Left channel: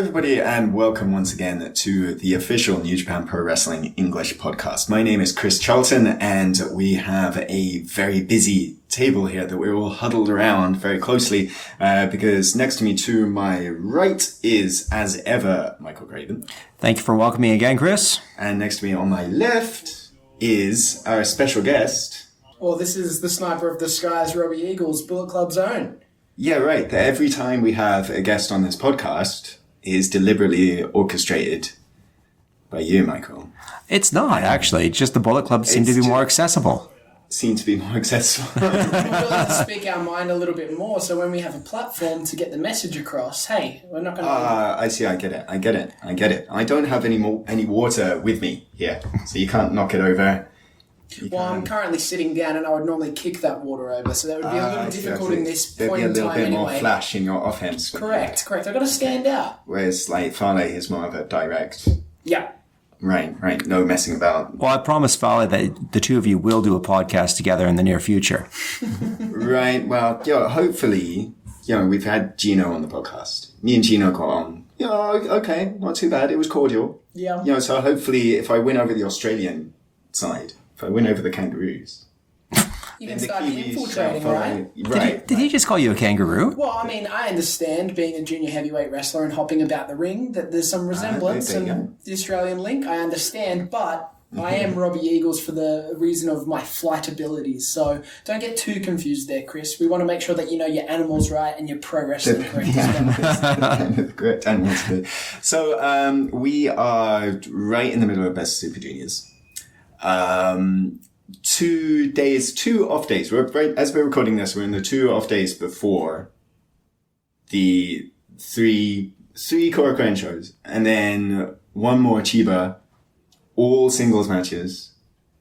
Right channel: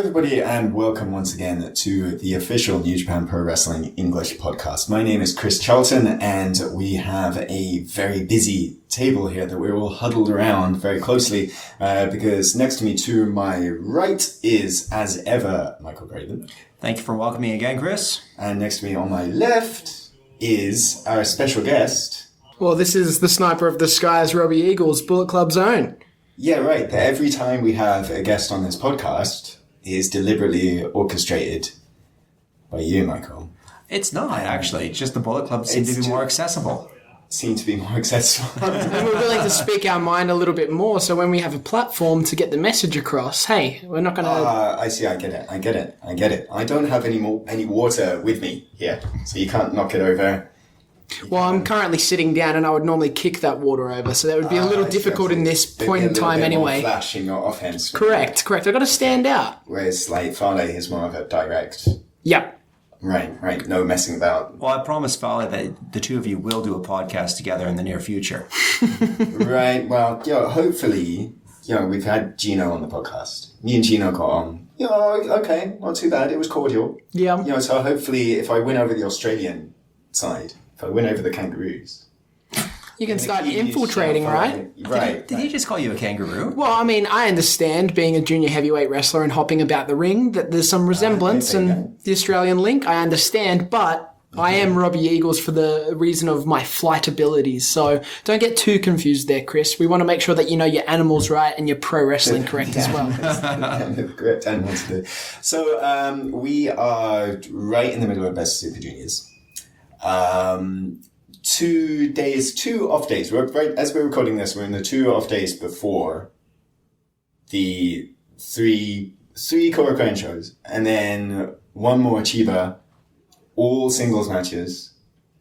everybody, and welcome once again to the official New Japan Pro Wrestling English Podcast. My name is Chris Charlton, and we have a very busy table here that we're all huddled around very closely, because next to me to my right is, as ever, Michael Graven. Thank you for welcoming me again, Chris. And next to me on my left is our special guest. Well, this is the sniper of the skies, Robbie Eagles, Bullet Club's own. Yeah, right. Every time we have a guest on this podcast is deliberately orchestrated by you, Michael. It's not, actually. Just the Bullet Club seem to be more accessible. Seem to be more accessible. And we're willing to speak our mind a little bit more, so when we have a platform to get the message across, hey, we're not going to... I see, I get it. I don't have any water with me here, so you can't knock it over. Well, I'm currently sitting down, and I would normally kick that water over, so that would be a little difficult in this point in time anyway. More flash in your offhand screen. Correct. I've got to stand out. Whereas, like, Farley is more of a direct... Yeah. Right. No messing about. Well, I promise, Farley, that the two of you will do a podcast together in the near future. Right. Well, hopefully, we've had Gino on the podcast. Me and Gino got on. Okay, not too bad. It was cordial. Yeah. So hopefully, if I win over the Australian side, if I win over the Kangaroos... You can start infiltrating, right? Did he just call you a kangaroo? Well, I mean, I understand being a junior heavyweight wrestler and hopping about the ring, that there's some resemblance and the Australian link. I understand, but I am Robbie Eagles for the reason of my flight abilities. So don't get too confused there, Chris. We want to make sure that you know your animals right and your pro wrestling correct as well. Great. So we are right in the middle of Best Super Juniors. 2 off days. As we're recording this, we're in the 2 off days before the three Korakuen shows, and then one more Chiba, all singles matches.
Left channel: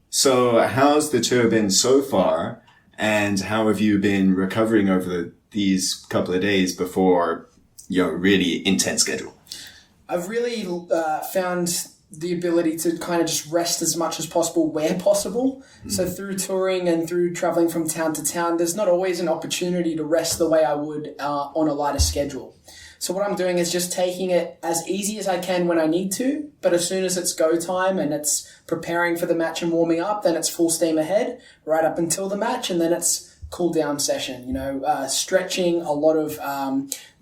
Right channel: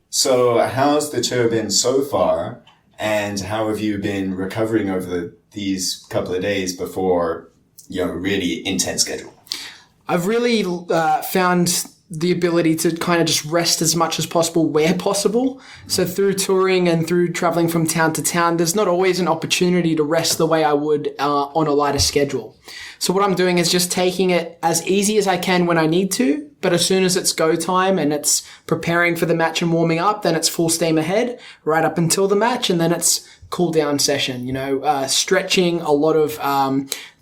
So how's the tour been so far, and how have you been recovering over these couple of days before your really intense schedule? I've really found the ability to kind of just rest as much as possible where possible. So through touring and through traveling from town to town, there's not always an opportunity to rest the way I would on a lighter schedule. So what I'm doing is just taking it as easy as I can when I need to, but as soon as it's go time and it's preparing for the match and warming up, then it's full steam ahead right up until the match, and then it's cool down session, stretching, a lot of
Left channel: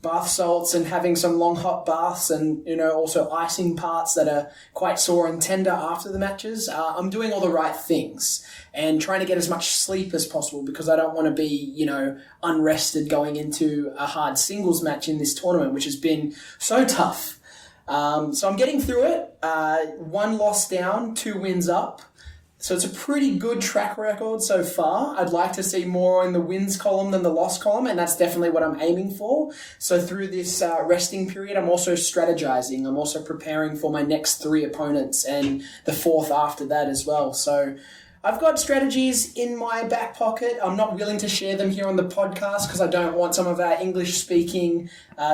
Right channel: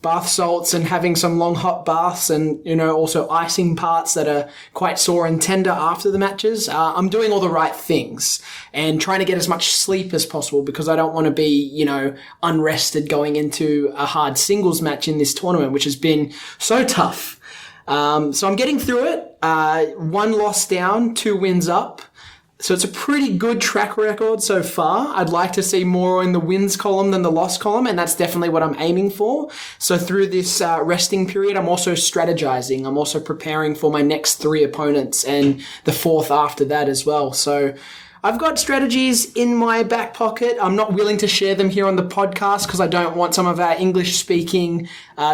bath salts and having some long hot baths, and also icing parts that are quite sore and tender after the matches. I'm doing all the right things and trying to get as much sleep as possible, because I don't want to be unrested going into a hard singles match in this tournament, which has been so tough. So I'm getting through it. 1 loss down, 2 wins up. So it's a pretty good track record so far. I'd like to see more in the wins column than the loss column, and that's definitely what I'm aiming for. So through this resting period, I'm also strategizing. I'm also preparing for my next 3 opponents and the 4th after that as well. So I've got strategies in my back pocket. I'm not willing to share them here on the podcast because I don't want some of our English-speaking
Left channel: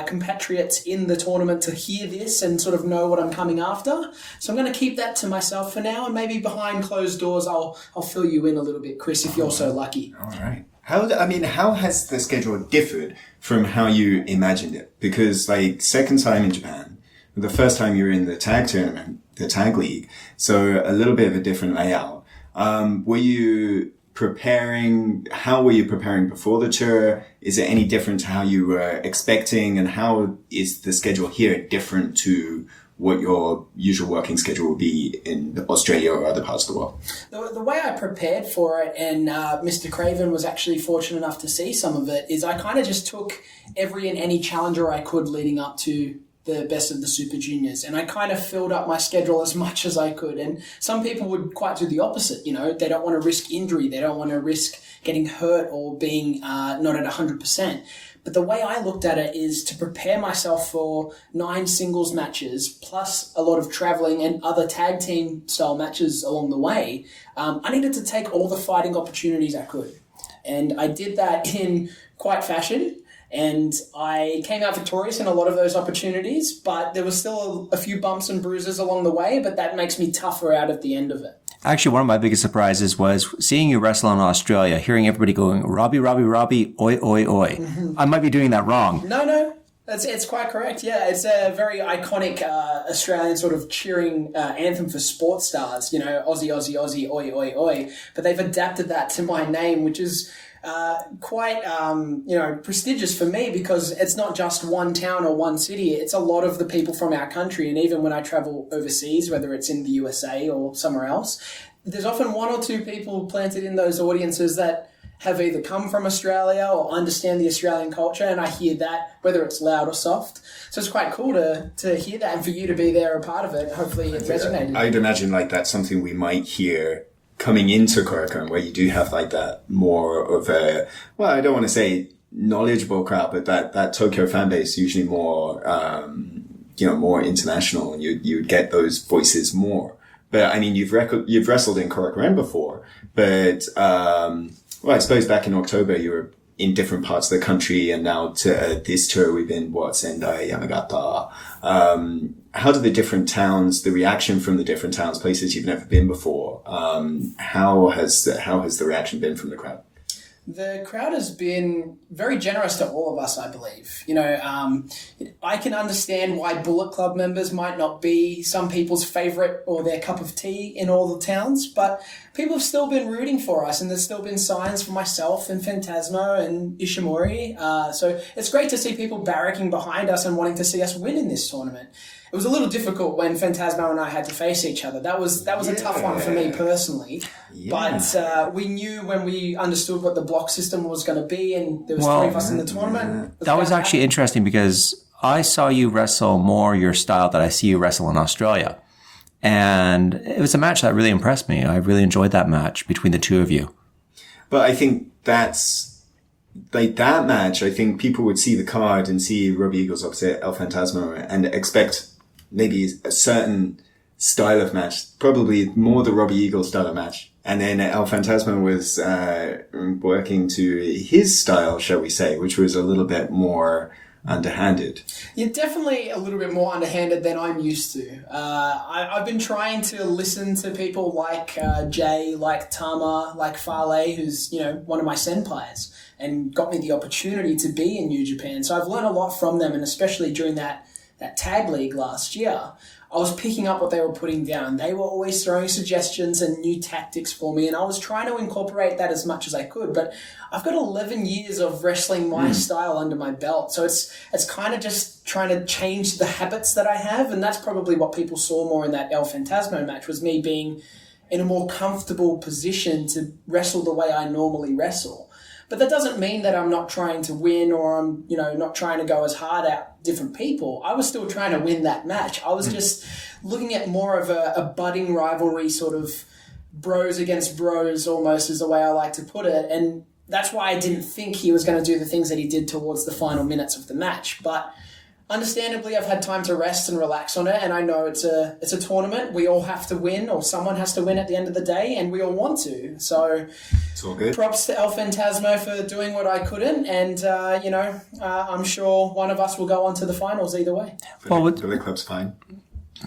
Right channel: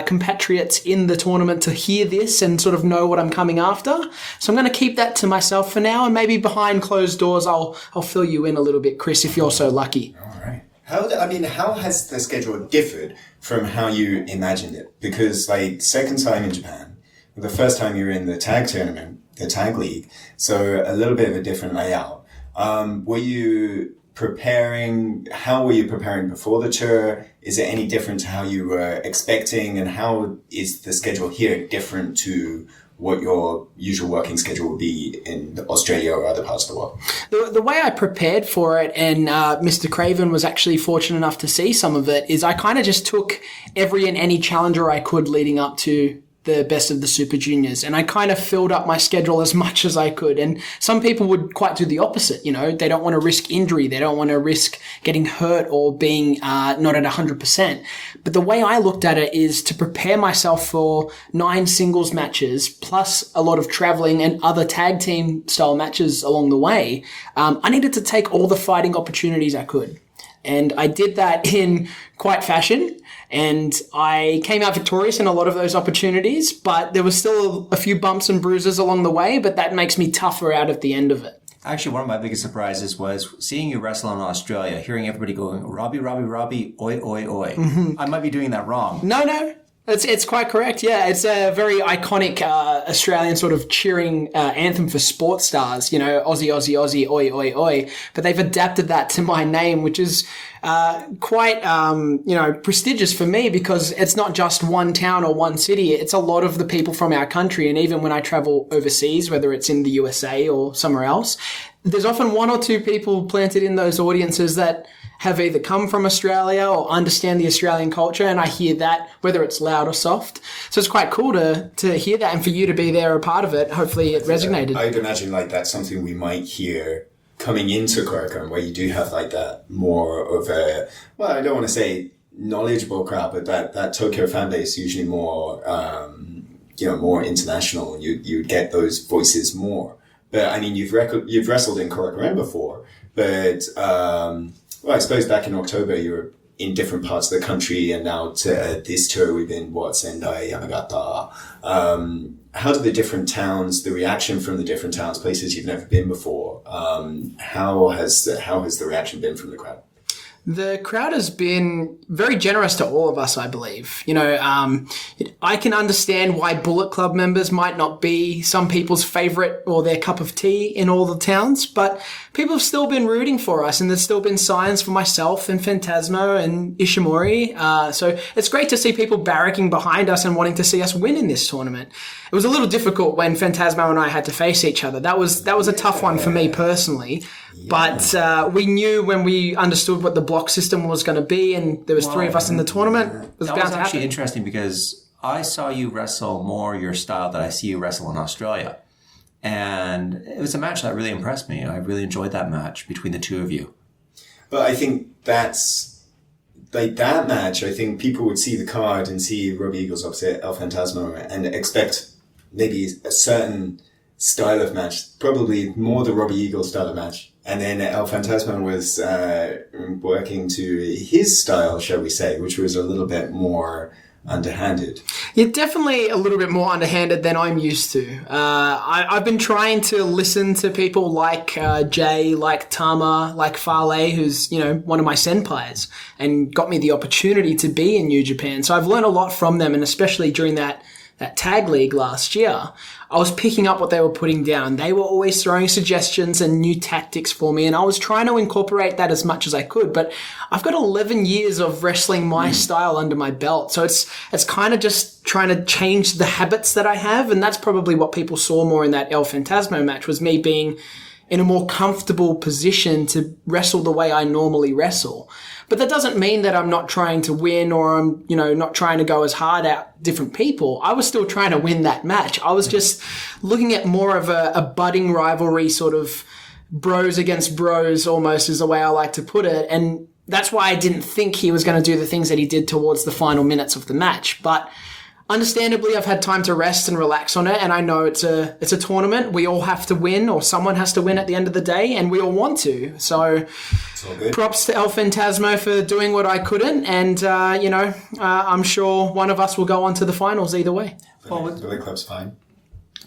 compatriots in the tournament to hear this and sort of know what I'm coming after. So I'm going to keep that to myself for now, and maybe behind closed doors I'll fill you in a little bit, Chris, if you're so lucky. All right. How has the schedule differed from how you imagined it? Because, second time in Japan, the first time you were in the tag tournament, the tag league, so a little bit of a different layout. Were you preparing? How were you preparing before the tour? Is it any different to how you were expecting? And how is the schedule here different to what your usual working schedule would be in Australia or other parts of the world? The way I prepared for it, and Mr. Craven was actually fortunate enough to see some of it, is I kind of just took every and any challenger I could leading up to the Best of the Super Juniors, and I kind of filled up my schedule as much as I could. And some people would quite do the opposite. They don't want to risk injury, they don't want to risk getting hurt or being not at 100%. But the way I looked at it is to prepare myself for 9 singles matches plus a lot of traveling and other tag team style matches along the way. I needed to take all the fighting opportunities I could, and I did that in quite fashion. And I came out victorious in a lot of those opportunities, but there was still a few bumps and bruises along the way, but that makes me tougher out at the end of it. Actually, one of my biggest surprises was seeing you wrestle in Australia, hearing everybody going, Robbie, Robbie, Robbie, oi, oi, oi. Mm-hmm. I might be doing that wrong. No. It's quite correct, yeah. It's a very iconic Australian sort of cheering anthem for sports stars, you know, Aussie, Aussie, Aussie, oi, oi, oi. But they've adapted that to my name, which is quite, prestigious for me because it's not just one town or one city. It's a lot of the people from our country. And even when I travel overseas, whether it's in the USA or somewhere else, there's often one or two people planted in those audiences that have either come from Australia or understand the Australian culture, and I hear that, whether it's loud or soft. So it's quite cool to hear that, and for you to be there a part of it. Hopefully it resonated. I'd imagine like that's something we might hear coming into Korakuen, where you do have like that more of a, well, I don't want to say knowledgeable crowd, but that Tokyo fan base usually more, more international, and you'd get those voices more. But I mean, you've wrestled in Korakuen before, but, well, I suppose back in October you were in different parts of the country, and now to this tour we've been, Sendai, Yamagata. How do the different towns, the reaction from the different towns, places you've never been before, how has the reaction been from the crowd? The crowd has been very generous to all of us, I believe. You know, I can understand why Bullet Club members might not be some people's favorite or their cup of tea in all the towns, but people have still been rooting for us, and there's still been signs for myself and Phantasmo and Ishimori. So it's great to see people barracking behind us and wanting to see us win in this tournament. It was a little difficult when Phantasmo and I had to face each other. That was a tough one for me personally. Yeah. But we knew when we understood what the block system was going to be, and there was three of us in the tournament. That was actually interesting because I saw you wrestle more your style that I see you wrestle in Australia. And it was a match that really impressed me. I really enjoyed that match between the two of you. But I think that's, like that match, I think people would see the card and see Robbie Eagles opposite El Phantasmo and expect maybe a certain style of match, probably more the Robbie Eagles style of match. And then El Phantasmo was working to his style, shall we say, which was a little bit more underhanded. Yeah, definitely a little bit more underhanded than I'm used to. I've been trying to listen to people like Jay, like Tama, like Fale, who's, you know, one of my senpais, and got me the opportunity to be in New Japan. So I've learned a lot from them, and especially during that tag league last year, I was picking up what they were putting down. They were always throwing suggestions and new tactics for me, and I was trying to incorporate that as much as I could. But I've got 11 years of wrestling my style under my belt, so it's kind of just trying to change the habits that I have, and that's probably what people saw more in that El Phantasmo match, was me being in a more comfortable position to wrestle the way I normally wrestle. But that doesn't mean that I'm not trying to win, or I'm, not trying to go as hard at different people. I was still trying to win that match. I was just looking at more of a budding rivalry, sort of bros against bros almost is the way I like to put it. And that's why I didn't think he was going to do the things that he did towards the final minutes of the match. But understandably, I've had time to rest and relax on it, and I know it's a tournament. We all have to win, or someone has to win at the end of the day, and we all want to. So it's all good. Props to El Phantasmo for doing what I couldn't, and I'm sure one of us will go on to the finals either way. Billy Club's fine.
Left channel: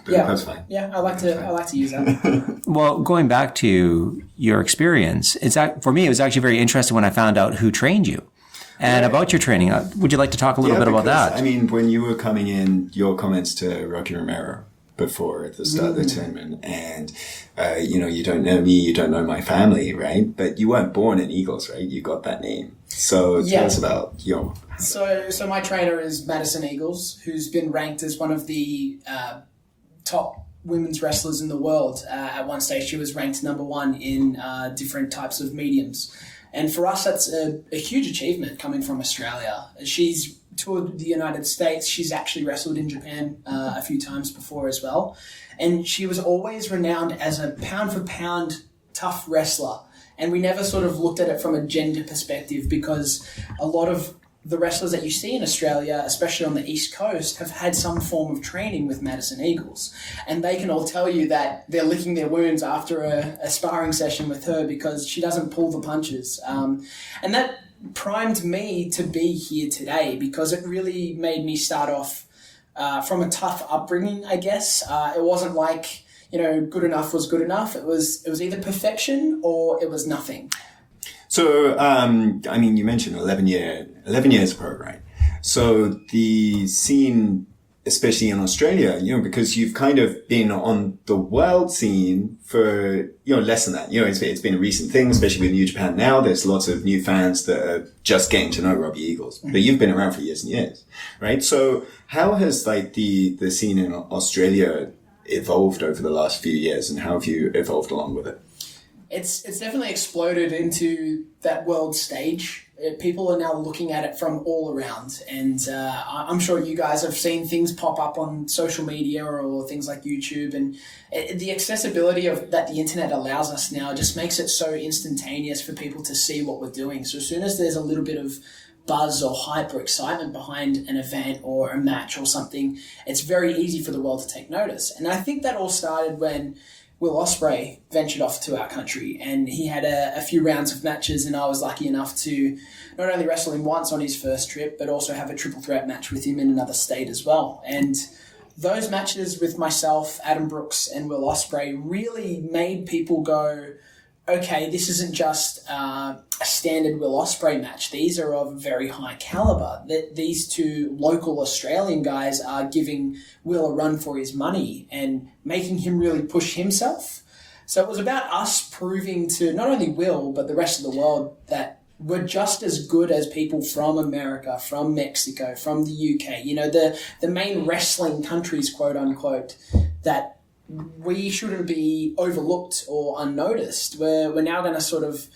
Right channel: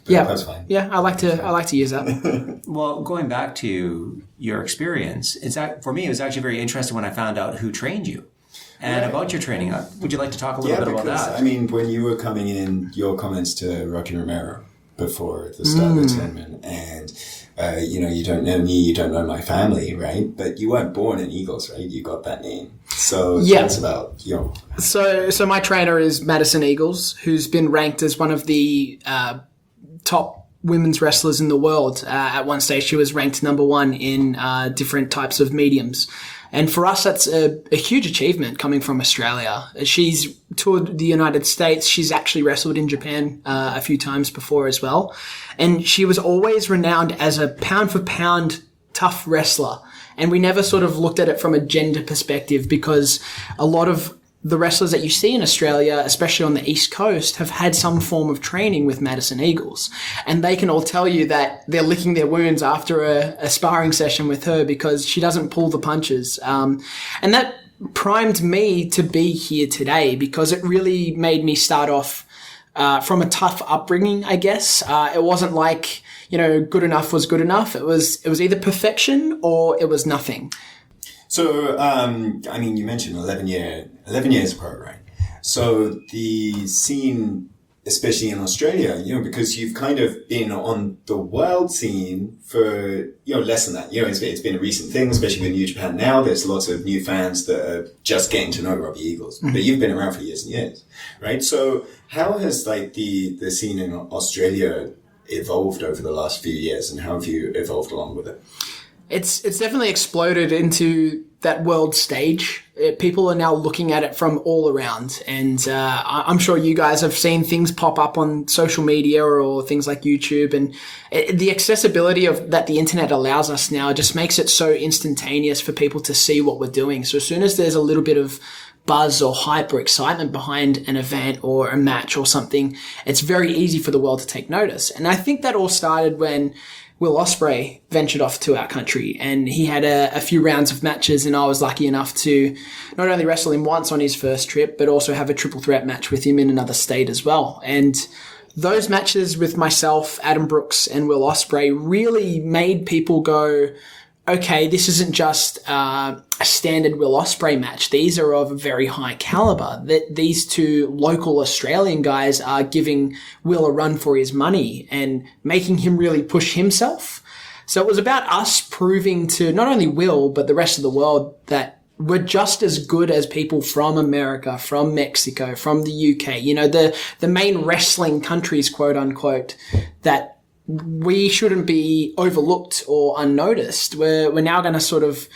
Club's fine. Yeah, I like to use that. Well, going back to your experience, for me it was actually very interesting when I found out who trained you. And about your training, would you like to talk a little bit about that? I mean, when you were coming in, your comments to Rocky Romero before the start of the tournament, and, you don't know me, you don't know my family, right? But you weren't born in Eagles, right? You got that name. So tell us about your... So my trainer is Madison Eagles, who's been ranked as one of the top women's wrestlers in the world. At one stage, she was ranked number 1 in different types of mediums. And for us, that's a huge achievement coming from Australia. She's toured the United States. She's actually wrestled in Japan a few times before as well. And she was always renowned as a pound-for-pound tough wrestler. And we never sort of looked at it from a gender perspective, because a lot of the wrestlers that you see in Australia, especially on the East Coast, have had some form of training with Madison Eagles. And they can all tell you that they're licking their wounds after a sparring session with her, because she doesn't pull the punches. And that primed me to be here today, because it really made me start off from a tough upbringing, I guess. It wasn't like, good enough was good enough. It was either perfection or it was nothing. So, you mentioned 11 years pro, right? So the scene, especially in Australia, because you've kind of been on the world scene for, less than that. It's been a recent thing, especially with New Japan now. There's lots of new fans that are just getting to know Robbie Eagles. But you've been around for years and years, right? So how has the scene in Australia evolved over the last few years, and how have you evolved along with it? It's definitely exploded into that world stage. People are now looking at it from all around. And I'm sure you guys have seen things pop up on social media or things like YouTube. And the accessibility that the internet allows us now just makes it so instantaneous for people to see what we're doing. So as soon as there's a little bit of buzz or hype or excitement behind an event or a match or something, it's very easy for the world to take notice. And I think that all started when Will Ospreay ventured off to our country, and he had a few rounds of matches, and I was lucky enough to not only wrestle him once on his first trip, but also have a triple threat match with him in another state as well. And those matches with myself, Adam Brooks, and Will Ospreay really made people go, okay, this isn't just a standard Will Ospreay match. These are of a very high caliber. That these two local Australian guys are giving Will a run for his money and making him really push himself. So it was about us proving to not only Will, but the rest of the world that we're just as good as people from America, from Mexico, from the UK, the main wrestling countries, quote unquote, that we shouldn't be overlooked or unnoticed. We're now going to sort of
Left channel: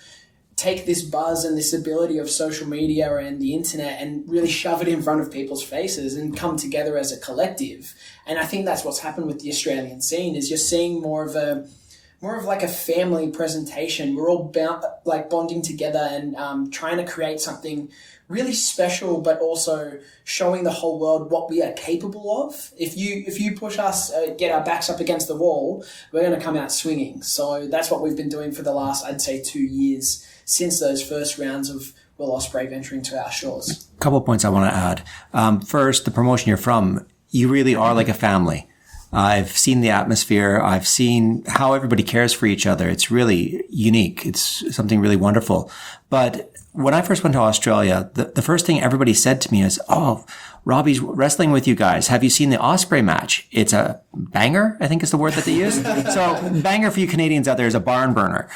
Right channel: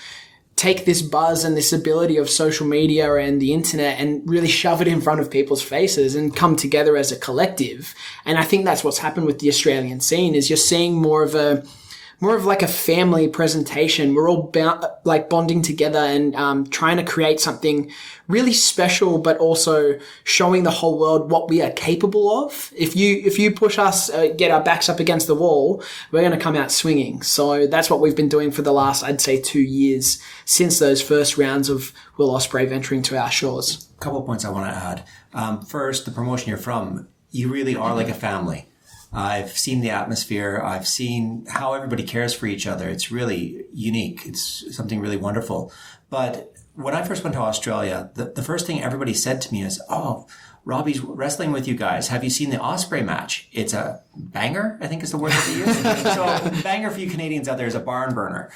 take this buzz and this ability of social media and the internet and really shove it in front of people's faces and come together as a collective. And I think that's what's happened with the Australian scene, is you're seeing more of like a family presentation. We're all bonding together and trying to create something really special, but also showing the whole world what we are capable of. If you push us, get our backs up against the wall, we're going to come out swinging. So that's what we've been doing for the last, I'd say, 2 years since those first rounds of Will Ospreay venturing to our shores. A couple of points I want to add. First, the promotion you're from, you really are like a family. I've seen the atmosphere. I've seen how everybody cares for each other. It's really unique. It's something really wonderful. But when I first went to Australia, the first thing everybody said to me is, oh, Robbie's wrestling with you guys. Have you seen the Ospreay match? It's a banger, I think is the word that they use. So banger for you Canadians out there is a barn burner.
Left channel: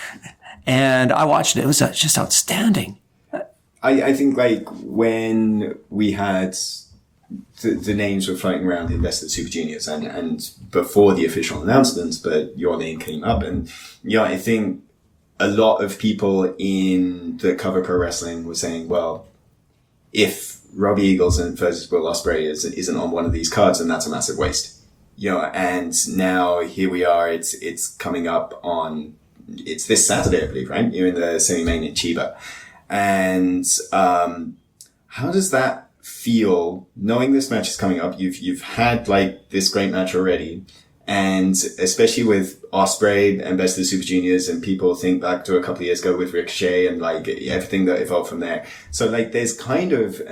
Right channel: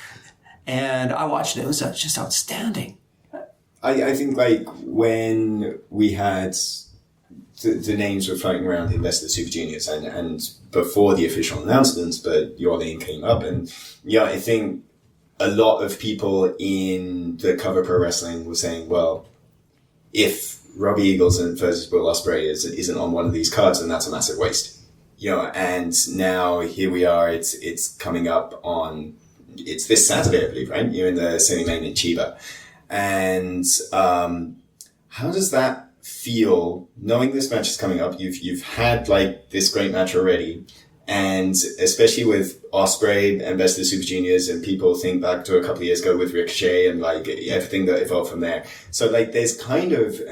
And I watched it. It was just outstanding. I think when we had the names were floating around the Invested Super Juniors and before the official announcements, but your name came up, and I think a lot of people in the cover pro wrestling were saying, well, if Robbie Eagles versus Will Ospreay isn't on one of these cards, then that's a massive waste. And now here we are, it's coming up it's this Saturday, I believe, right? You're in the semi-main in Chiba. And how does that feel knowing this match is coming up? You've had this great match already, and especially with Ospreay and Best of the Super Juniors, and people think back to a couple of years ago with Ricochet and everything that evolved from there. So there's kind of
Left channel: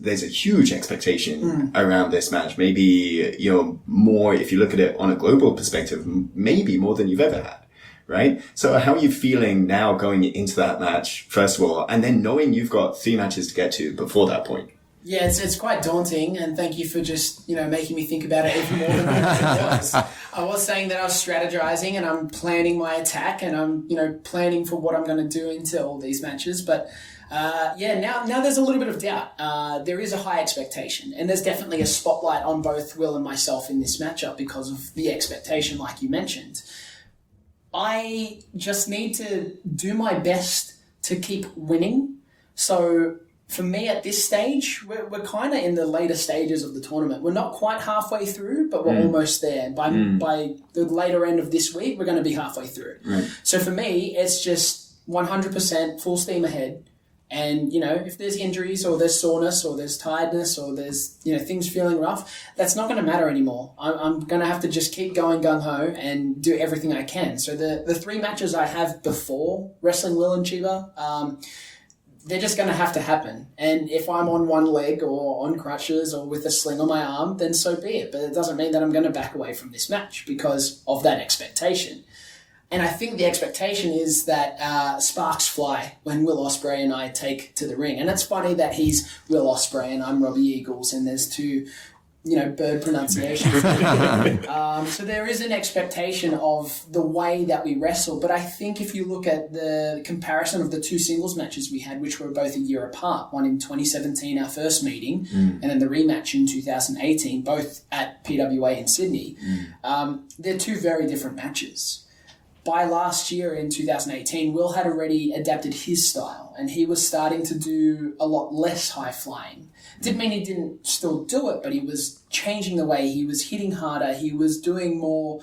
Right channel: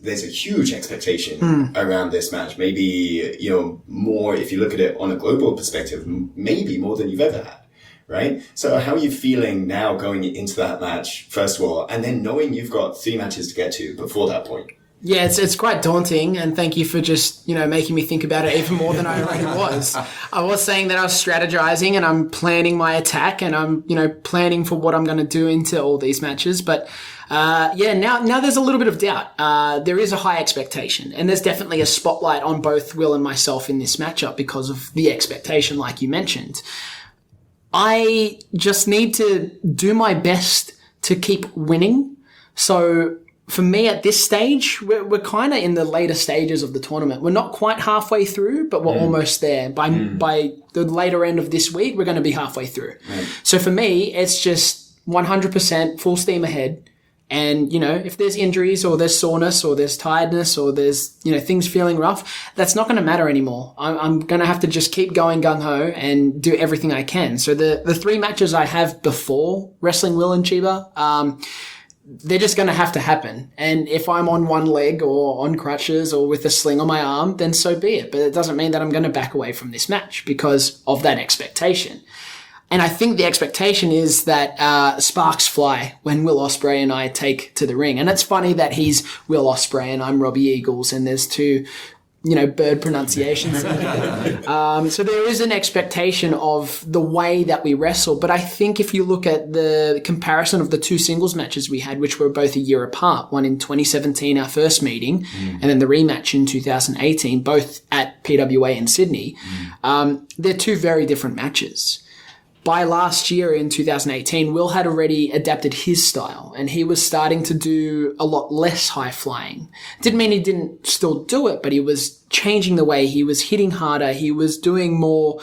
there's a huge expectation around this match. Maybe more if you look at it on a global perspective, maybe more than you've ever had. Right? So how are you feeling now going into that match, first of all, and then knowing you've got 3 matches to get to before that point? Yeah, it's quite daunting, and thank you for just, making me think about it even more than I already was. I was saying that I was strategizing and I'm planning my attack and I'm, planning for what I'm going to do into all these matches. But now there's a little bit of doubt. There is a high expectation, and there's definitely a spotlight on both Will and myself in this matchup because of the expectation, like you mentioned. I just need to do my best to keep winning. So for me at this stage, we're kind of in the later stages of the tournament. We're not quite halfway through, but we're almost there. By the later end of this week, we're going to be halfway through. So for me, it's just 100% full steam ahead. And, if there's injuries or there's soreness or there's tiredness or there's, things feeling rough, that's not going to matter anymore. I'm going to have to just keep going gung-ho and do everything I can. So the 3 matches I have before wrestling Will and Chiba, they're just going to have to happen. And if I'm on one leg or on crutches or with a sling on my arm, then so be it. But it doesn't mean that I'm going to back away from this match because of that expectation. And I think the expectation is that sparks fly when Will Ospreay and I take to the ring. And it's funny that he's Will Ospreay and I'm Robbie Eagles, and there's two, bird pronunciations. So there is an expectation of the way that we wrestle. But I think if you look at the comparison of the two singles matches we had, which were both a year apart, one in 2017, our first meeting, and then the rematch in 2018, both at PWA in Sydney, they're two very different matches. By last year in 2018, Will had already adapted his style and he was starting to do a lot less high flying. Didn't mean he didn't still do it, but he was changing the way he was hitting harder. He was doing more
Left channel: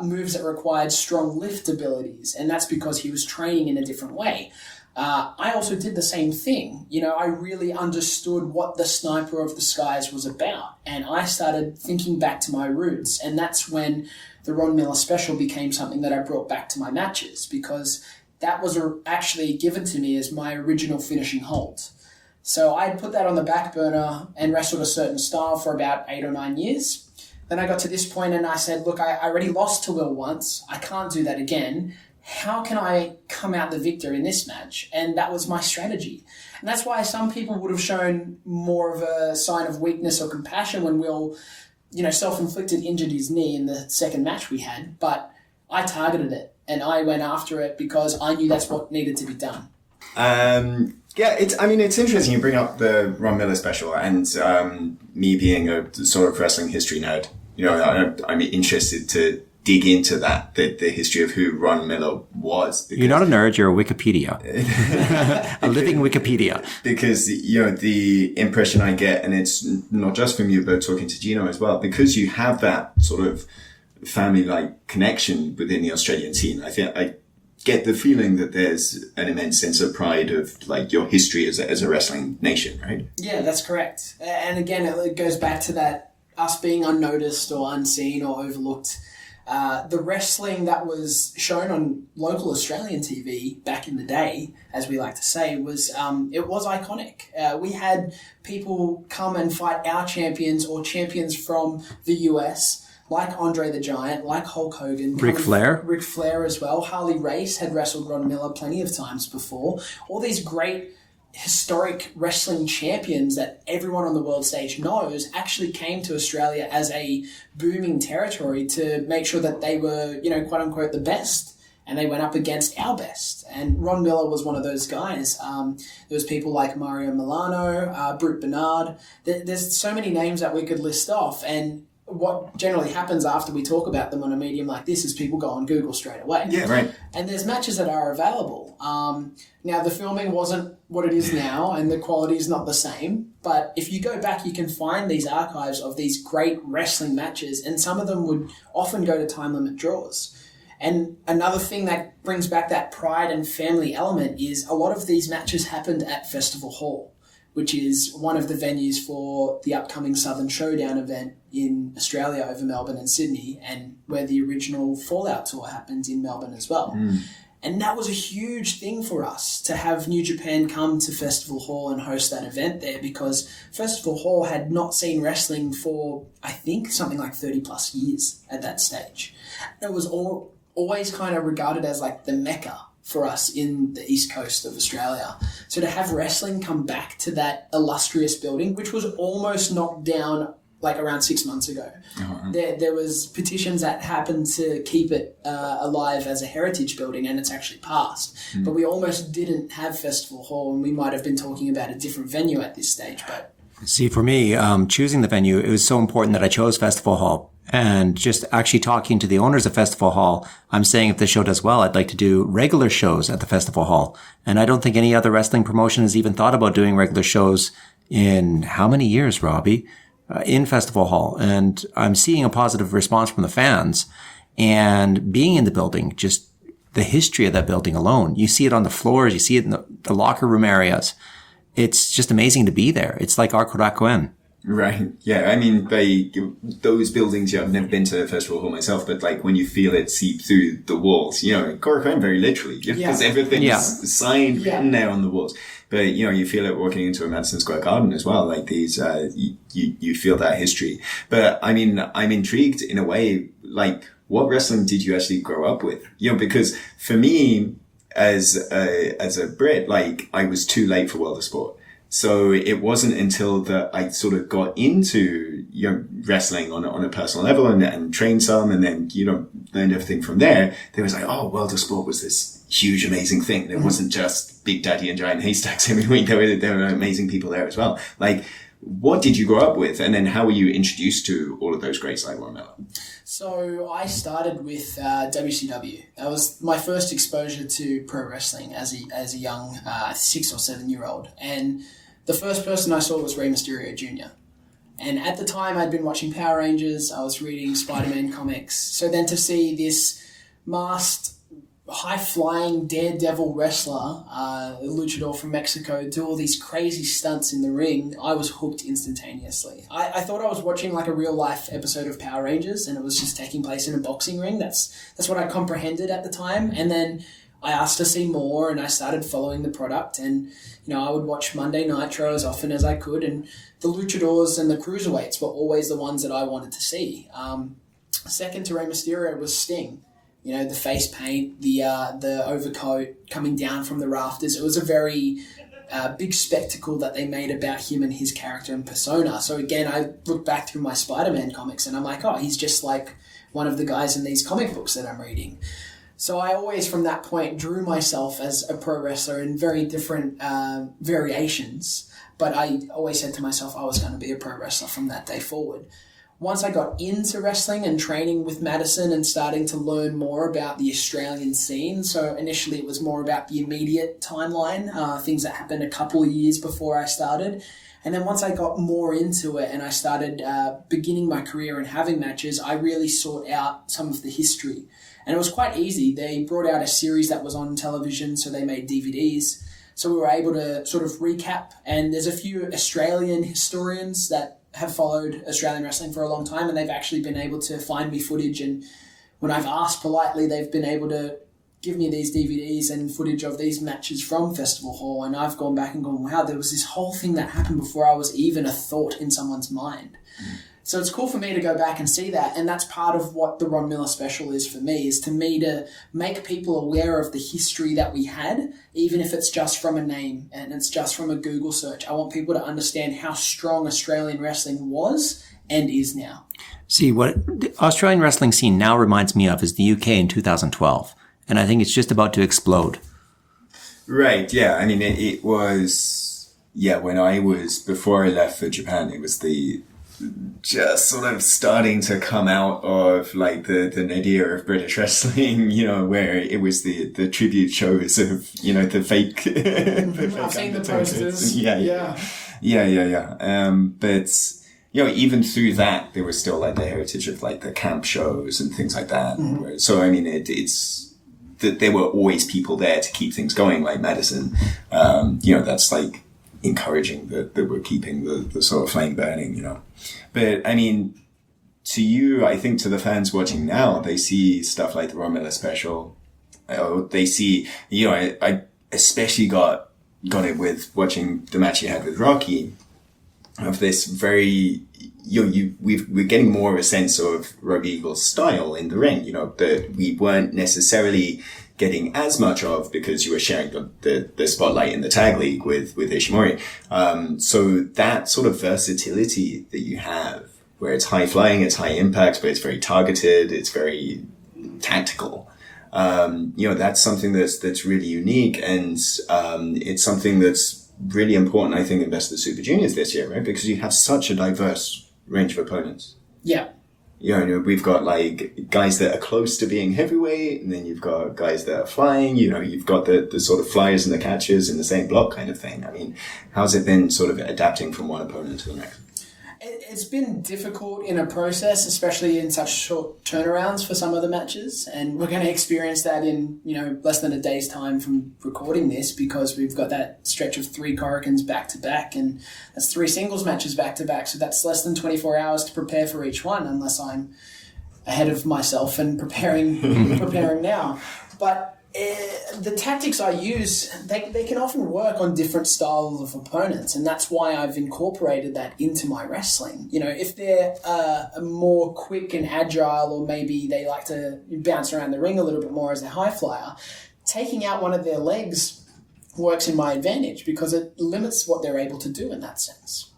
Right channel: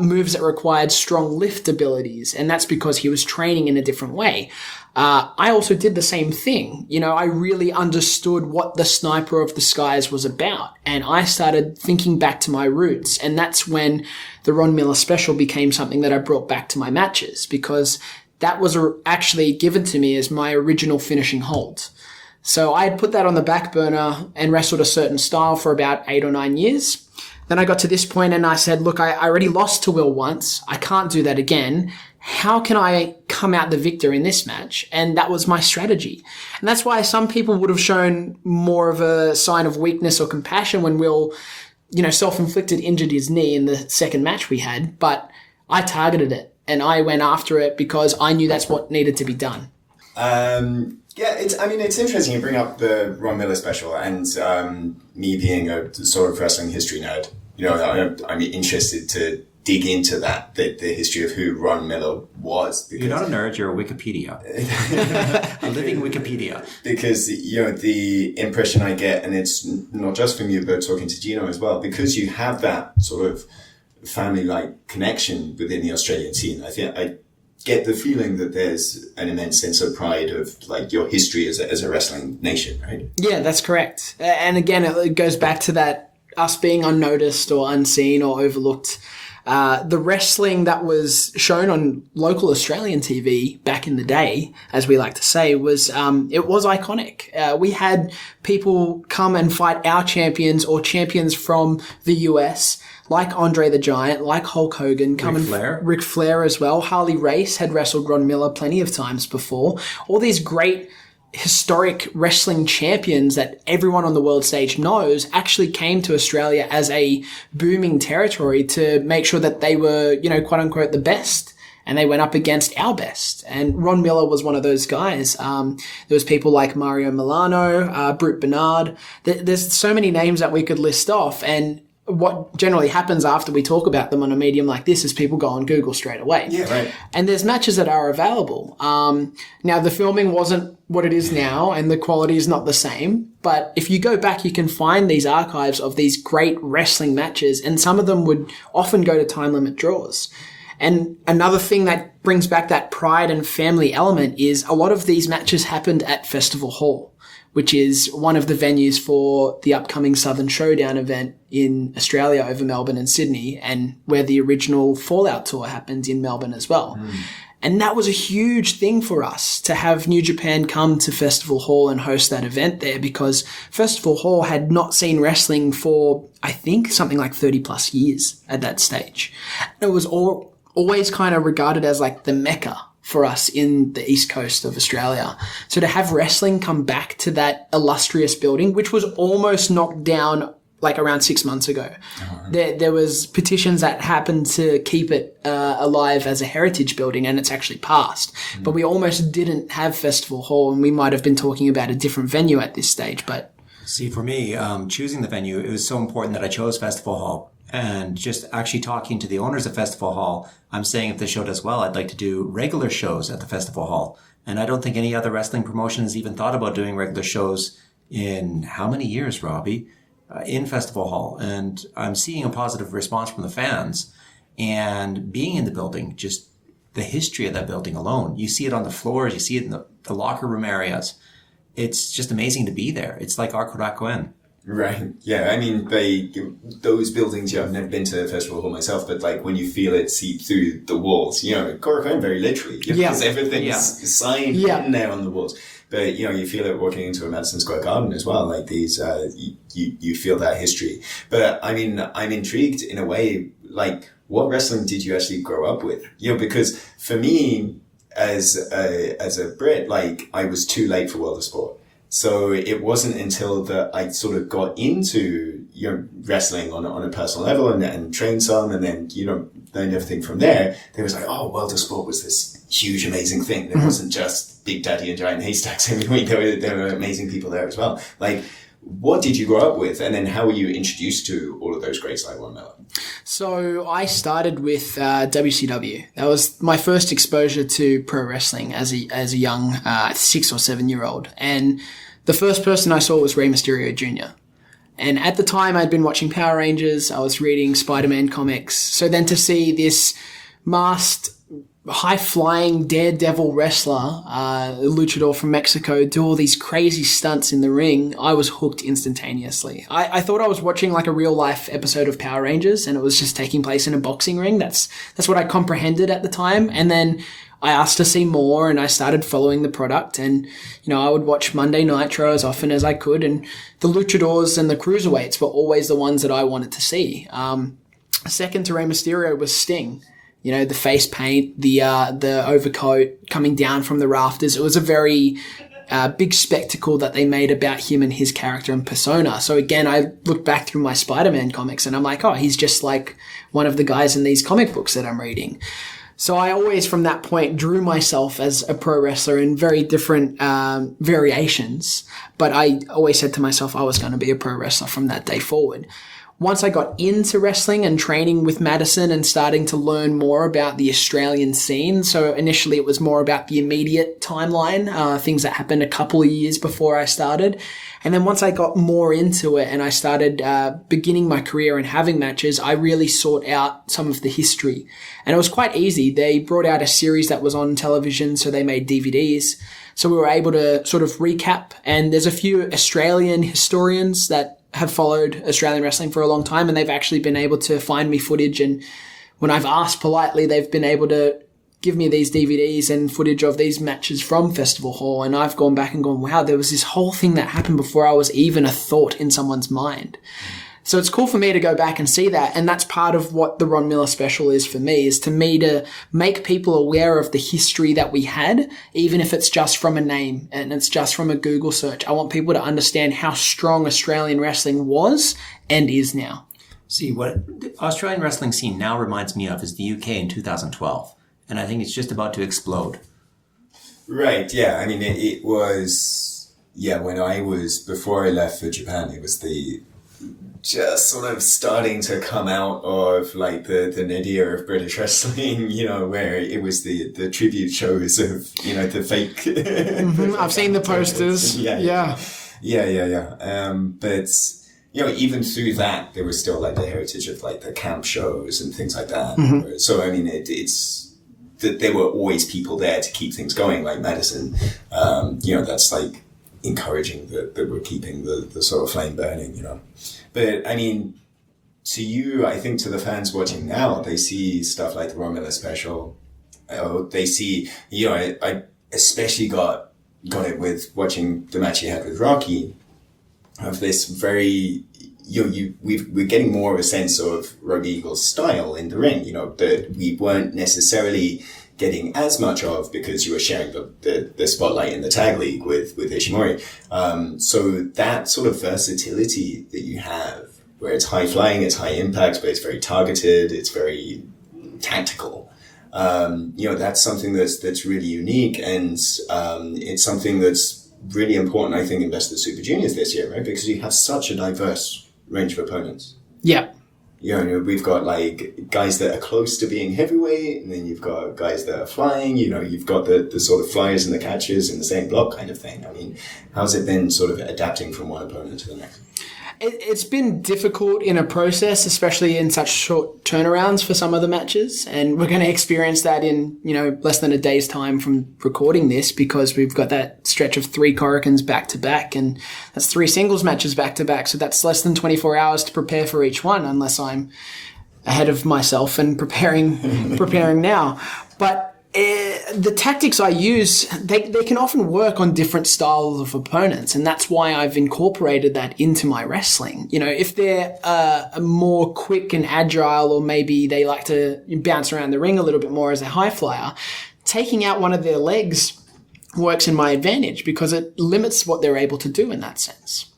moves that required strong lift abilities. And that's because he was training in a different way. I also did the same thing. I really understood what the Sniper of the Skies was about. And I started thinking back to my roots. And that's when the Ron Miller special became something that I brought back to my matches, because that was actually given to me as my original finishing hold. So I had put that on the back burner and wrestled a certain style for about 8 or 9 years. Then I got to this point and I said, look, I already lost to Will once. I can't do that again. How can I come out the victor in this match? And that was my strategy. And that's why some people would have shown more of a sign of weakness or compassion when Will, self-inflicted injured his knee in the second match we had. But I targeted it and I went after it because I knew that's what needed to be done. It's interesting you bring up the Ron Miller special, and me being a sort of wrestling history nerd, I'm interested to dig into the history of who Ron Miller was. You're not a nerd, you're a Wikipedia. A living Wikipedia. Because, the impression I get, and it's not just from you, but talking to Gino as well, because you have that sort of family-like connection within the Australian scene. I get the feeling that there's an immense sense of pride of your history as a wrestling nation, right? Yeah, that's correct. And again, it goes back to that us being unnoticed or unseen or overlooked. The wrestling that was shown on local Australian TV back in the day, as we like to say, was it was iconic. We had people come and fight our champions or champions from the US, like Andre the Giant, like Hulk Hogan. Ric Flair as well. Harley Race had wrestled Ron Miller plenty of times before. All these great historic wrestling champions that everyone on the world stage knows actually came to Australia as a booming territory to make sure that they were, quote unquote, the best. And they went up against our best. And Ron Miller was one of those guys. There was people like Mario Milano, Brute Bernard. There's so many names that we could list off. And what generally happens after we talk about them on a medium like this is people go on Google straight away. Yeah, right. And there's matches that are available. Now, the filming wasn't what it is now, and the quality is not the same. But if you go back, you can find these archives of these great wrestling matches, and some of them would often go to time limit draws. And another thing that brings back that pride and family element is a lot of these matches happened at Festival Hall, which is one of the venues for the upcoming Southern Showdown event in Australia over Melbourne and Sydney, and where the original Fallout tour happened in Melbourne as well. And that was a huge thing for us to have New Japan come to Festival Hall and host that event there, because Festival Hall had not seen wrestling for, I think, something like 30 plus years at that stage. It was always kind of regarded as like the Mecca for us in the east coast of Australia. So to have wrestling come back to that illustrious building, which was almost knocked down like around 6 months ago. There was petitions that happened to keep it alive as a heritage building, and it's actually passed. But we almost didn't have Festival Hall, and we might have been talking about a different venue at this stage. But see, for me, choosing the venue, it was so important that I chose Festival Hall. And just actually talking to the owners of Festival Hall, I'm saying if the show does well, I'd like to do regular shows at the Festival Hall. And I don't think any other wrestling promotion has even thought about doing regular shows in how many years, Robbie, in Festival Hall. And I'm seeing a positive response from the fans. And being in the building, just the history of that building alone, you see it on the floors, you see it in the locker room areas. It's just amazing to be there. It's like Arkorakuen. Right. Yeah. I mean, those buildings, I've never been to a Festival Hall myself, but when you feel it seep through the walls, Korakuen very literally, because everything's signed written there on the walls. But, you feel it walking into a Madison Square Garden as well. Like these, you feel that history. But I mean, I'm intrigued in a way, what wrestling did you actually grow up with? You know, because for me, as a Brit, like, I was too late for World of Sport. So it wasn't until that I sort of got into, you know, wrestling on a personal level and trained some, and then, you know, learned everything from there. There was like, oh, World of Sport was this huge, amazing thing. It wasn't just Big Daddy and Giant Haystacks every week. There were amazing people there as well. Like, what did you grow up with? And then how were you introduced to all of those greats like Ron Miller? So I started with WCW. That was my first exposure to pro wrestling as a young 6 or 7 year old. And the first person I saw was Rey Mysterio Jr. And at the time I'd been watching Power Rangers. I was reading Spider-Man comics. So then to see this masked, high-flying daredevil wrestler, a luchador from Mexico, do all these crazy stunts in the ring, I was hooked instantaneously. I thought I was watching like a real-life episode of Power Rangers, and it was just taking place in a boxing ring. That's what I comprehended at the time. And then I asked to see more, and I started following the product. And, you know, I would watch Monday Nitro as often as I could, and the luchadors and the cruiserweights were always the ones that I wanted to see. Second to Rey Mysterio was Sting. You know, the face paint, the overcoat coming down from the rafters. It was a very big spectacle that they made about him and his character and persona. So again, I look back through my Spider-Man comics and I'm like, oh, he's just like one of the guys in these comic books that I'm reading. So I always, from that point, drew myself as a pro wrestler in very different variations. But I always said to myself I was going to be a pro wrestler from that day forward. Once I got into wrestling and training with Madison and starting to learn more about the Australian scene, so initially it was more about the immediate timeline, things that happened a couple of years before I started. And then once I got more into it and I started beginning my career and having matches, I really sought out some of the history. And it was quite easy. They brought out a series that was on television, so they made DVDs. So we were able to sort of recap. And there's a few Australian historians that have followed Australian wrestling for a long time, and they've actually been able to find me footage. And when I've asked politely, they've been able to give me these DVDs and footage of these matches from Festival Hall. And I've gone back and gone, wow, there was this whole thing that happened before I was even a thought in someone's mind. So it's cool for me to go back and see that. And that's part of what the Ron Miller special is for me, is to make people aware of the history that we had, even if it's just from a name and it's just from a Google search. I want people to understand how strong Australian wrestling was and is now. See, what the Australian wrestling scene now reminds me of is the UK in 2012. And I think it's just about to explode. Right, yeah. I mean, it was, yeah, before I left for Japan, it was just sort of starting to come out of like the nadir of British wrestling, you know, where it was the tribute shows of, you know, the fake. I've seen the posters. Yeah. But, you know, even through that, there was still like the heritage of like the camp shows and things like that. Mm-hmm. So, I mean, it's that there were always people there to keep things going, like Madison. You know, that's like encouraging that we're keeping the sort of flame burning, you know. But I mean, to you, I think to the fans watching now, they see stuff like the Ron Miller special. They see, you know, I especially got it with watching the match you had with Rocky, of this very, we're getting more of a sense of Robbie Eagles' style in the ring, you know, that we weren't necessarily getting as much of because you were sharing the spotlight in the tag league with Ishimori. So that sort of versatility that you have, where it's high flying, it's high impact, but it's very targeted, it's very tactical. You know, that's something that's really unique, and it's something that's really important, I think, in Best of the Super Juniors this year, right? Because you have such a diverse range of opponents. Yeah. You know, we've got like guys that are close to being heavyweight, and then you've got guys that are flying, you know, you've got the sort of flyers and the catchers in the same block kind of thing. I mean, how's it been sort of adapting from one opponent to the next? It's been difficult in a process, especially in such short turnarounds for some of the matches. And we're going to experience that in, you know, less than a day's time from recording this, because we've got that stretch of 3 Corricans back to back, and that's 3 singles matches back to back. So that's less than 24 hours to prepare for each one, unless I'm ahead of myself and preparing now. But The tactics I use, they can often work on different styles of opponents, and that's why I've incorporated that into my wrestling. You know, if they're more quick and agile, or maybe they like to bounce around the ring a little bit more as a high flyer, taking out one of their legs works in my advantage because it limits what they're able to do in that sense.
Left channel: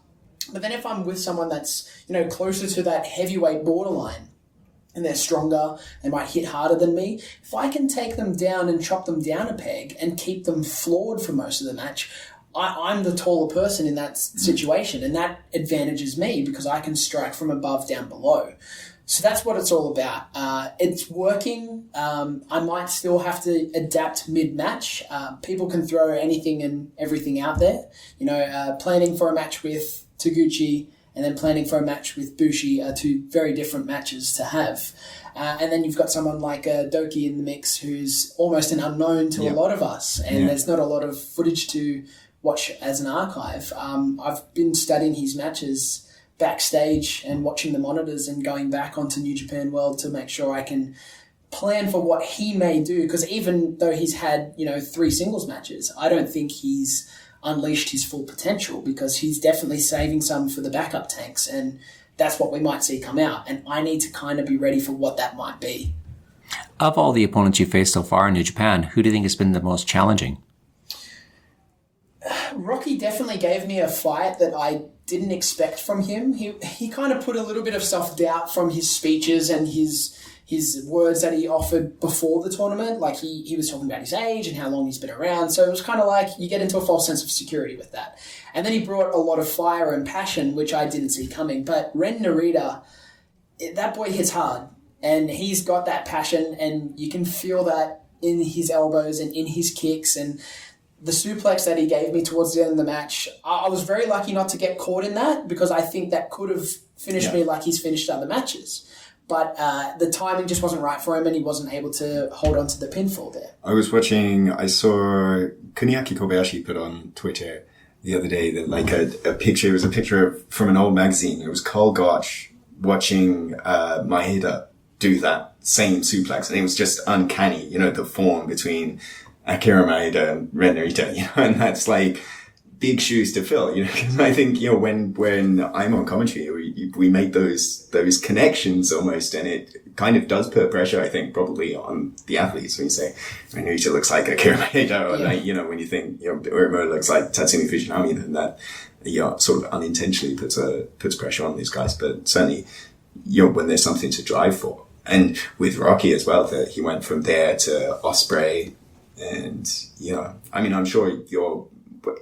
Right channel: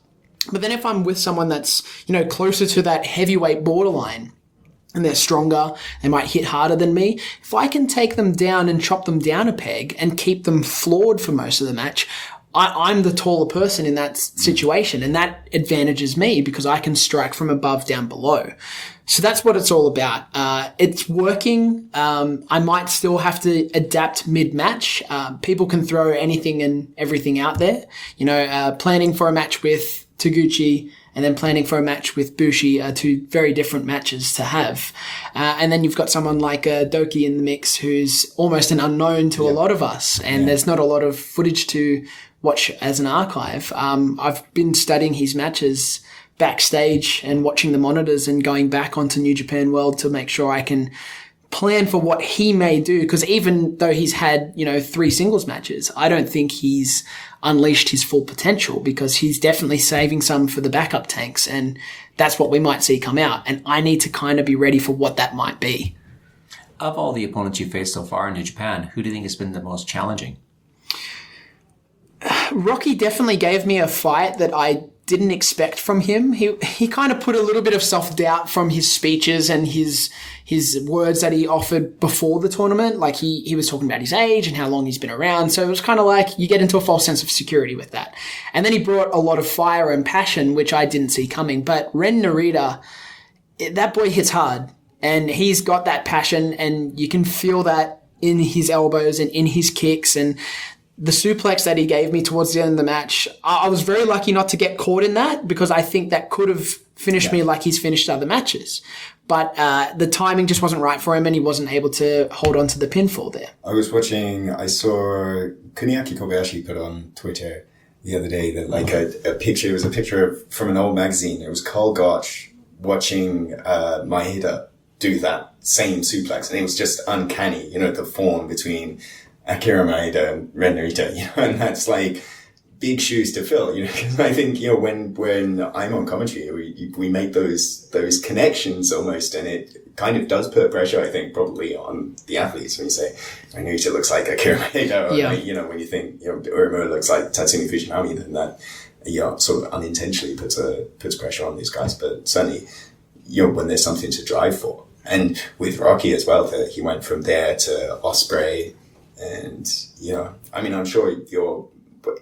But then if I'm with someone that's, you know, closer to that heavyweight borderline, and they're stronger, they might hit harder than me. If I can take them down and chop them down a peg and keep them floored for most of the match, I'm the taller person in that situation, and that advantages me because I can strike from above down below. So that's what it's all about. It's working. I might still have to adapt mid-match. People can throw anything and everything out there. You know, planning for a match with Taguchi and then planning for a match with Bushi are two very different matches to have. And then you've got someone like Doki in the mix who's almost an unknown to a lot of us, and there's not a lot of footage to watch as an archive. I've been studying his matches backstage and watching the monitors and going back onto New Japan World to make sure I can plan for what he may do, because even though he's had, you know, 3 singles matches, I don't think he's unleashed his full potential, because he's definitely saving some for the backup tanks, and that's what we might see come out, and I need to kind of be ready for what that might be. Of all the opponents you faced so far in New Japan, who do you think has been the most challenging? Rocky definitely gave me a fight that I didn't expect from him. He kind of put a little bit of self-doubt from his speeches and his words that he offered before the tournament. Like he was talking about his age and how long he's been around. So it was kind of like you get into a false sense of security with that. And then he brought a lot of fire and passion, which I didn't see coming. But Ren Narita, that boy hits hard, and he's got that passion, and you can feel that in his elbows and in his kicks. And the suplex that he gave me towards the end of the match, I was very lucky not to get caught in that, because I think that could have finished me like he's finished other matches. But the timing just wasn't right for him, and he wasn't able to hold on to the pinfall there. I saw Kuniaki Kobayashi put on Twitter the other day that like a picture, it was a picture from an old magazine. It was Carl Gotch watching Maeda do that same suplex, and it was just uncanny, you know, the form between Akira Maeda and Ren Narita, you know, and that's like big shoes to fill, you know, because I think, you know, when I'm on commentary, we make those connections almost, and it kind of does put pressure, I think, probably on the athletes when you say, Ren Narita looks like Akira Maeda, or like, you know, when you think, you know, Uemura looks like Tatsumi Fujinami, then that, you know, sort of unintentionally puts pressure on these guys. But certainly, you know, when there's something to drive for. And with Rocky as well, that he went from there to Ospreay, and, you know, I mean, I'm sure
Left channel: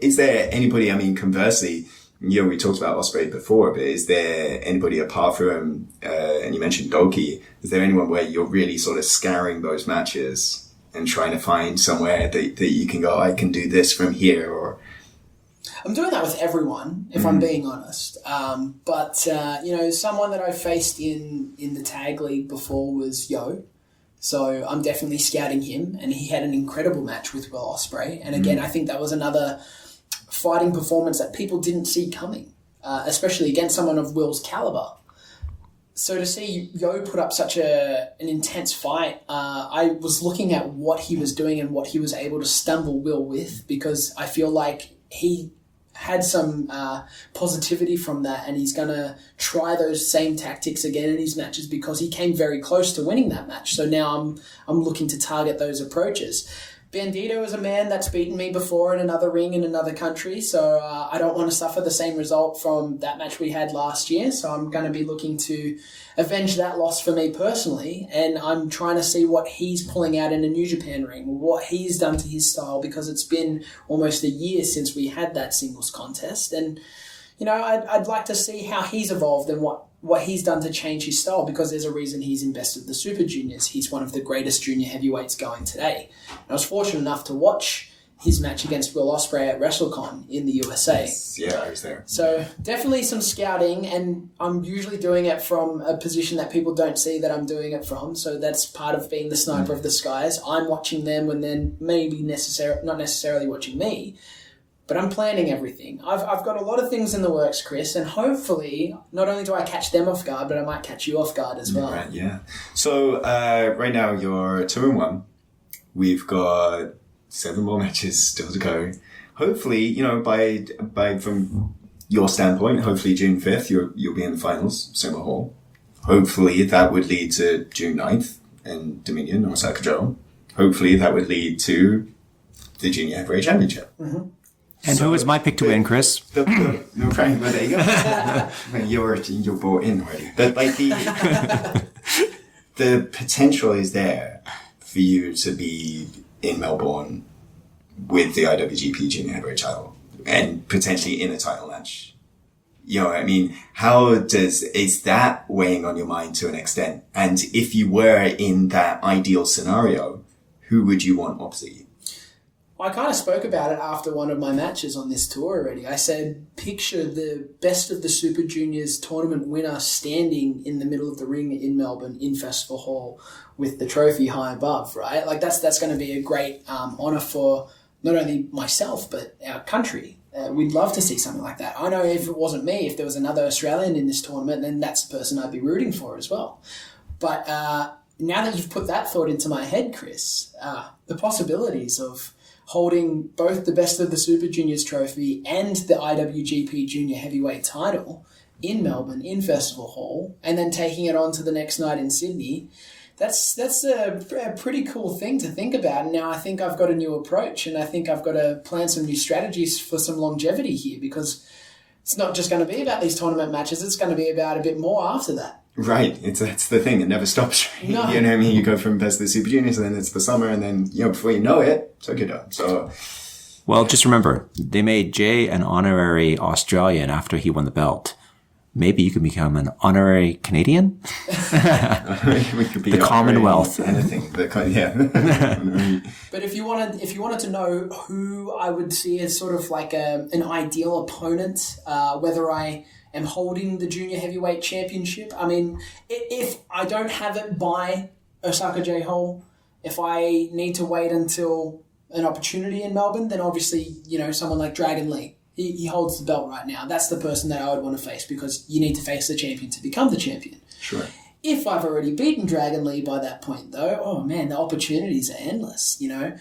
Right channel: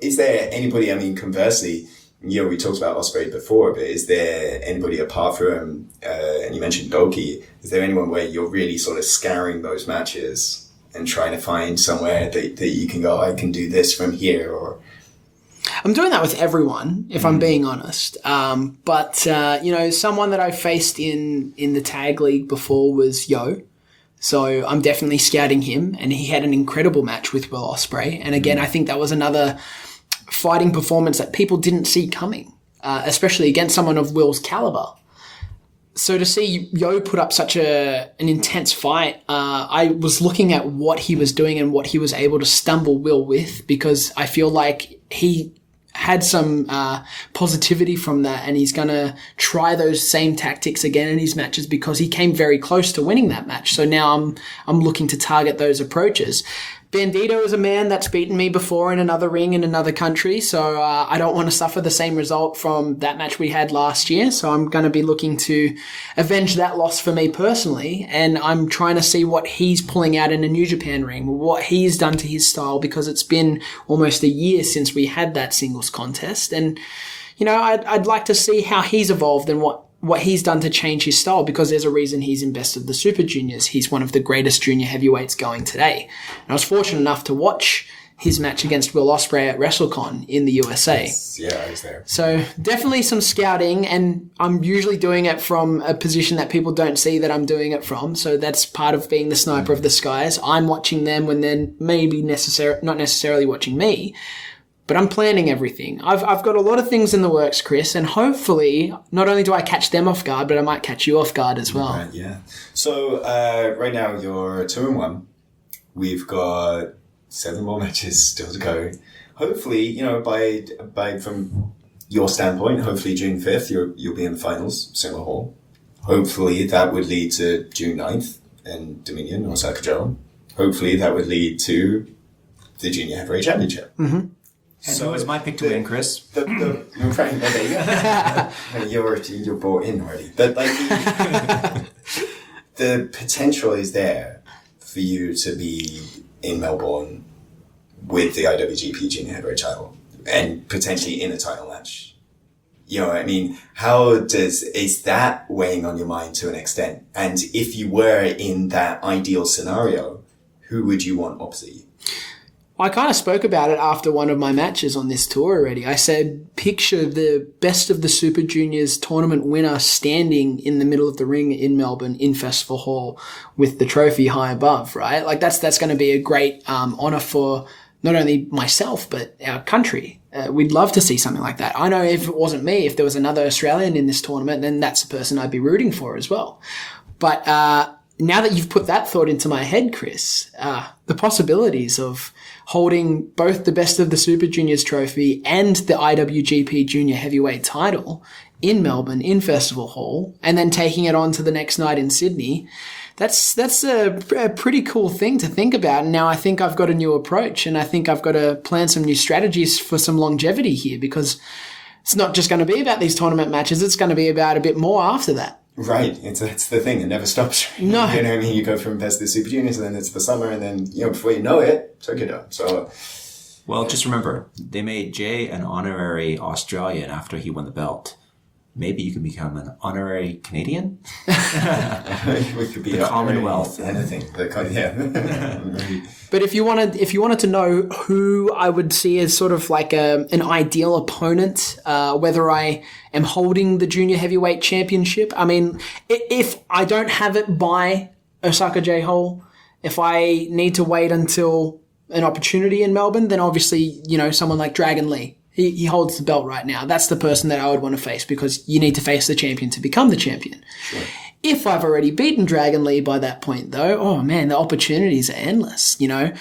is there anybody, I mean, conversely, you know, we talked about Ospreay before, but is there anybody apart from, and you mentioned Doki, is there anyone where you're really sort of scouring those matches and trying to find somewhere that you can go, I can do this from here? Or I'm doing that with everyone, if I'm being honest. But you know, someone that I faced in the tag league before was Yo. So I'm definitely scouting him, and he had an incredible match with Will Ospreay. And again, I think that was another fighting performance that people didn't see coming, especially against someone of Will's caliber. So to see Yo put up such an intense fight, I was looking at what he was doing and what he was able to stumble Will with, because I feel like he had some positivity from that, and he's going to try those same tactics again in his matches, because he came very close to winning that match. So now I'm looking to target those approaches. Bandito is a man that's beaten me before in another ring in another country, so I don't want to suffer the same result from that match we had last year. So I'm going to be looking to avenge that loss for me personally, and I'm trying to see what he's pulling out in a New Japan ring, what he's done to his style, because it's been almost a year since we had that singles contest. And, you know, I'd like to see how he's evolved and what he's done to change his style, because there's a reason he's in Best of the Super Juniors. He's one of the greatest junior heavyweights going today. And I was fortunate enough to watch his match against Will Ospreay at WrestleCon in the USA. Yes. Yeah, I was there. So definitely some scouting, and I'm usually doing it from a position that people don't see that I'm doing it from. So that's part of being the sniper of the skies. I'm watching them when they're maybe not necessarily watching me. But I'm planning everything. I've got a lot of things in the works, Chris, and hopefully not only do I catch them off guard, but I might catch you off guard as well. Right, yeah. So right now you're 2-1. We've got 7 more matches still to go. Hopefully, you know, by from your standpoint, hopefully June 5th, you'll be in the finals, Summer Hall. Hopefully that would lead to June 9th in Dominion or Osaka Joe. Hopefully that would lead to the Junior Heavyweight Championship. Mm-hmm. And who was my pick to win, Chris? No, right, but there you go. You're bought in already. But like the potential is there for you to be in Melbourne with the IWGP Junior Heavyweight title and potentially in a title match. You know what I mean? Is that weighing on your mind to an extent? And if you were in that ideal scenario, who would you want opposite you? I kind of spoke about it after one of my matches on this tour already. I said, picture the best of the Super Juniors tournament winner standing in the middle of the ring in Melbourne in Festival Hall with the trophy high above, right? Like that's going to be a great honour for not only myself, but our country. We'd love to see something like that. I know if it wasn't me, if there was another Australian in this tournament, then that's the person I'd be rooting for as well. But now that you've put that thought into my head, Chris, the possibilities of holding both the Best of the Super Juniors trophy and the IWGP Junior Heavyweight title in Melbourne, in Festival Hall, and then taking it on to the next night in Sydney, that's a pretty cool thing to think about. And now I think I've got a new approach, and I think I've got to plan some new strategies for some longevity here, because it's not just going to be about these tournament matches, it's going to be about a bit more after that. Right, it's the thing. It never stops. No. You know what I mean? You go from Best of the Super Juniors, and then it's the summer, and then, you know, before you know it, Tokyo Dome. So, well, just remember, they made Jay an honorary Australian after he won the belt. Maybe you can become an honorary Canadian? we could be the Commonwealth. Anything. Yeah. But if you wanted to know who I would see as sort of like an ideal opponent, whether I am holding the Junior Heavyweight Championship, I mean, if I don't have it by Osaka J Hall, if I need to wait until an opportunity in Melbourne, then obviously, you know, someone like Dragon Lee. He holds the belt right now. That's the person that I would want to face, because you need to face the champion to become the champion. Sure. If I've already beaten Dragon Lee by that point, though, oh man, the opportunities are endless. You know,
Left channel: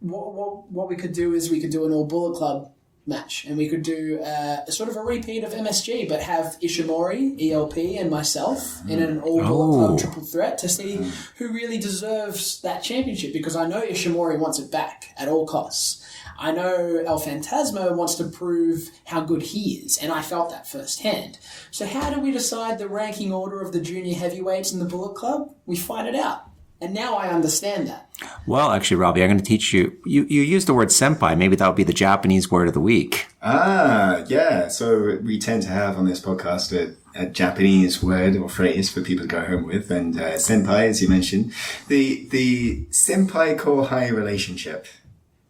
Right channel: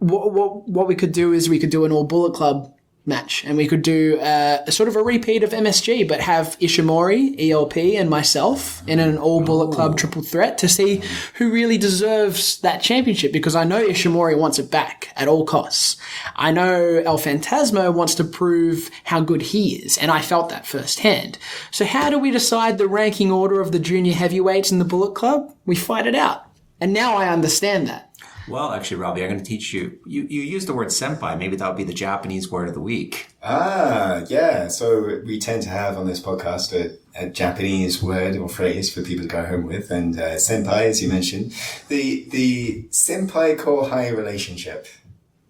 what we could do is we could do an all Bullet Club match, and we could do a sort of a repeat of MSG, but have Ishimori, ELP, and myself in an all Bullet Club triple threat to see who really deserves that championship, because I know Ishimori wants it back at all costs. I know El Phantasmo wants to prove how good he is, and I felt that firsthand. So how do we decide the ranking order of the junior heavyweights in the Bullet Club? We fight it out. And now I understand that. Well, actually, Robbie, I'm going to teach you. You used the word senpai. Maybe that would be the Japanese word of the week. Ah, yeah. So we tend to have on this podcast a Japanese word or phrase for people to go home with. And senpai, as you mentioned, the senpai-kohai relationship.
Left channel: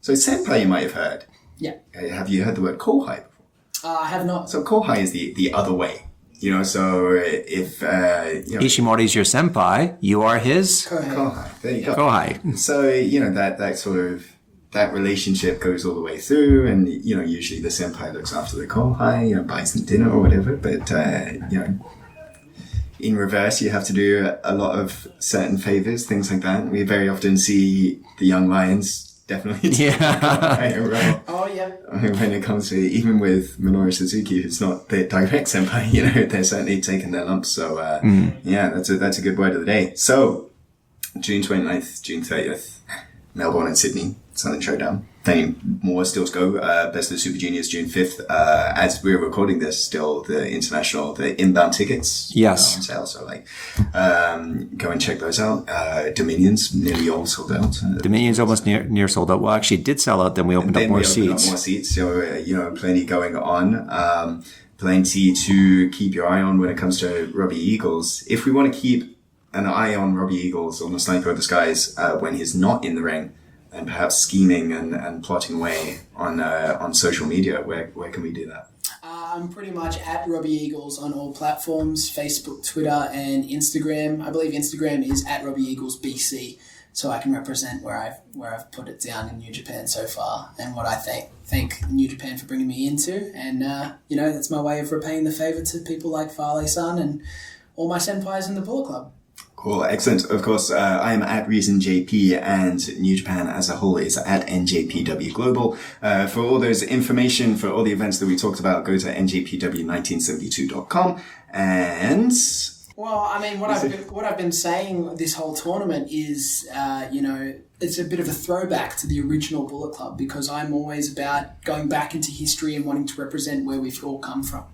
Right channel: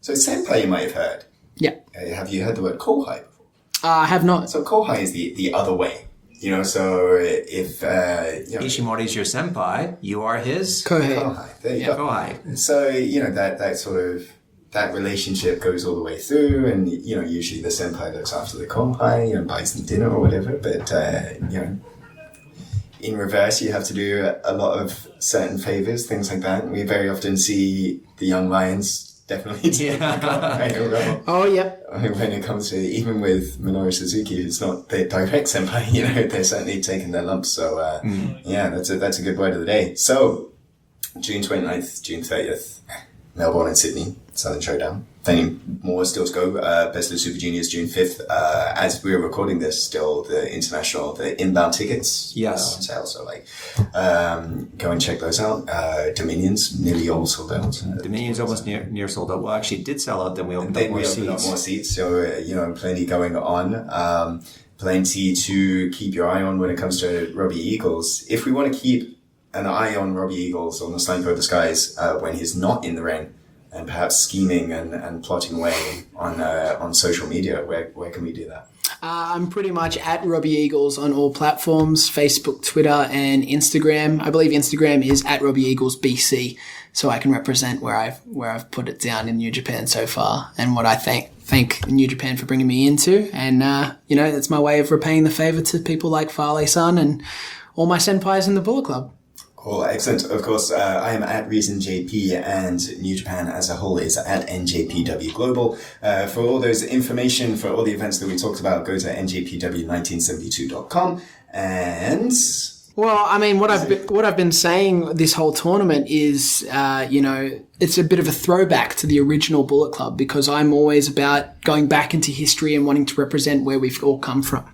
So senpai you might have heard. Yeah. Have you heard the word kohai before? I have not. So kohai is the other way. You know, so if... Ishimori's your senpai, you are his... Kohai. There you go. Kohai. So, you know, that sort of... That relationship goes all the way through, and, you know, usually the senpai looks after the kohai, you know, buys them dinner or whatever, but, you know... In reverse, you have to do a lot of certain favors, things like that. We very often see the young lions... Definitely. Yeah. Oh, yeah. When it comes to, even with Minoru Suzuki, who's not the direct senpai, you know, they're certainly taking their lumps. So, yeah, that's a good word of the day. So, June 29th, June 30th, Melbourne and Sydney, Southern Showdown. Plenty more still to go. Best of the Super Juniors, June 5th. As we're recording this, still the inbound tickets. Yes. On sale. So, like, go and check those out. Dominion's nearly all sold out. Dominion's almost near sold out. Well, actually, it did sell out. Then we opened up more seats. So, you know, plenty going on. Plenty to keep your eye on when it comes to Robbie Eagles. If we want to keep an eye on Robbie Eagles on the Sniper of the Skies when he's not in the ring, and perhaps scheming and plotting away on social media, where can we do that? I'm pretty much at Robbie Eagles on all platforms, Facebook, Twitter, and Instagram. I believe Instagram is at Robbie Eagles BC, so I can represent where I've put it down in New Japan so far, and what I thank New Japan for bringing me into. And you know, that's my way of repaying the favour to people like Farley-san and all my senpais in the Bullet Club. Cool, excellent. Of course, I am at Reason JP, and New Japan as a whole is at NJPW Global. For all those information, for all the events that we talked about, go to njpw1972.com. And well, I mean, what I've been saying this whole tournament is, it's a bit of a throwback to the original Bullet Club, because I'm always about going back into history and wanting to represent where we've all come from.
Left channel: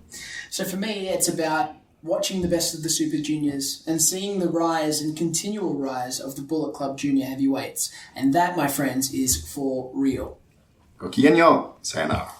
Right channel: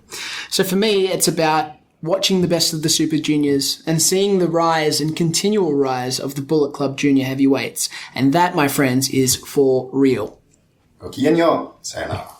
So for me, it's about watching the best of the Super Juniors and seeing the rise and continual rise of the Bullet Club Junior Heavyweights. And that, my friends, is for real. Gokigenyo. Sayonara.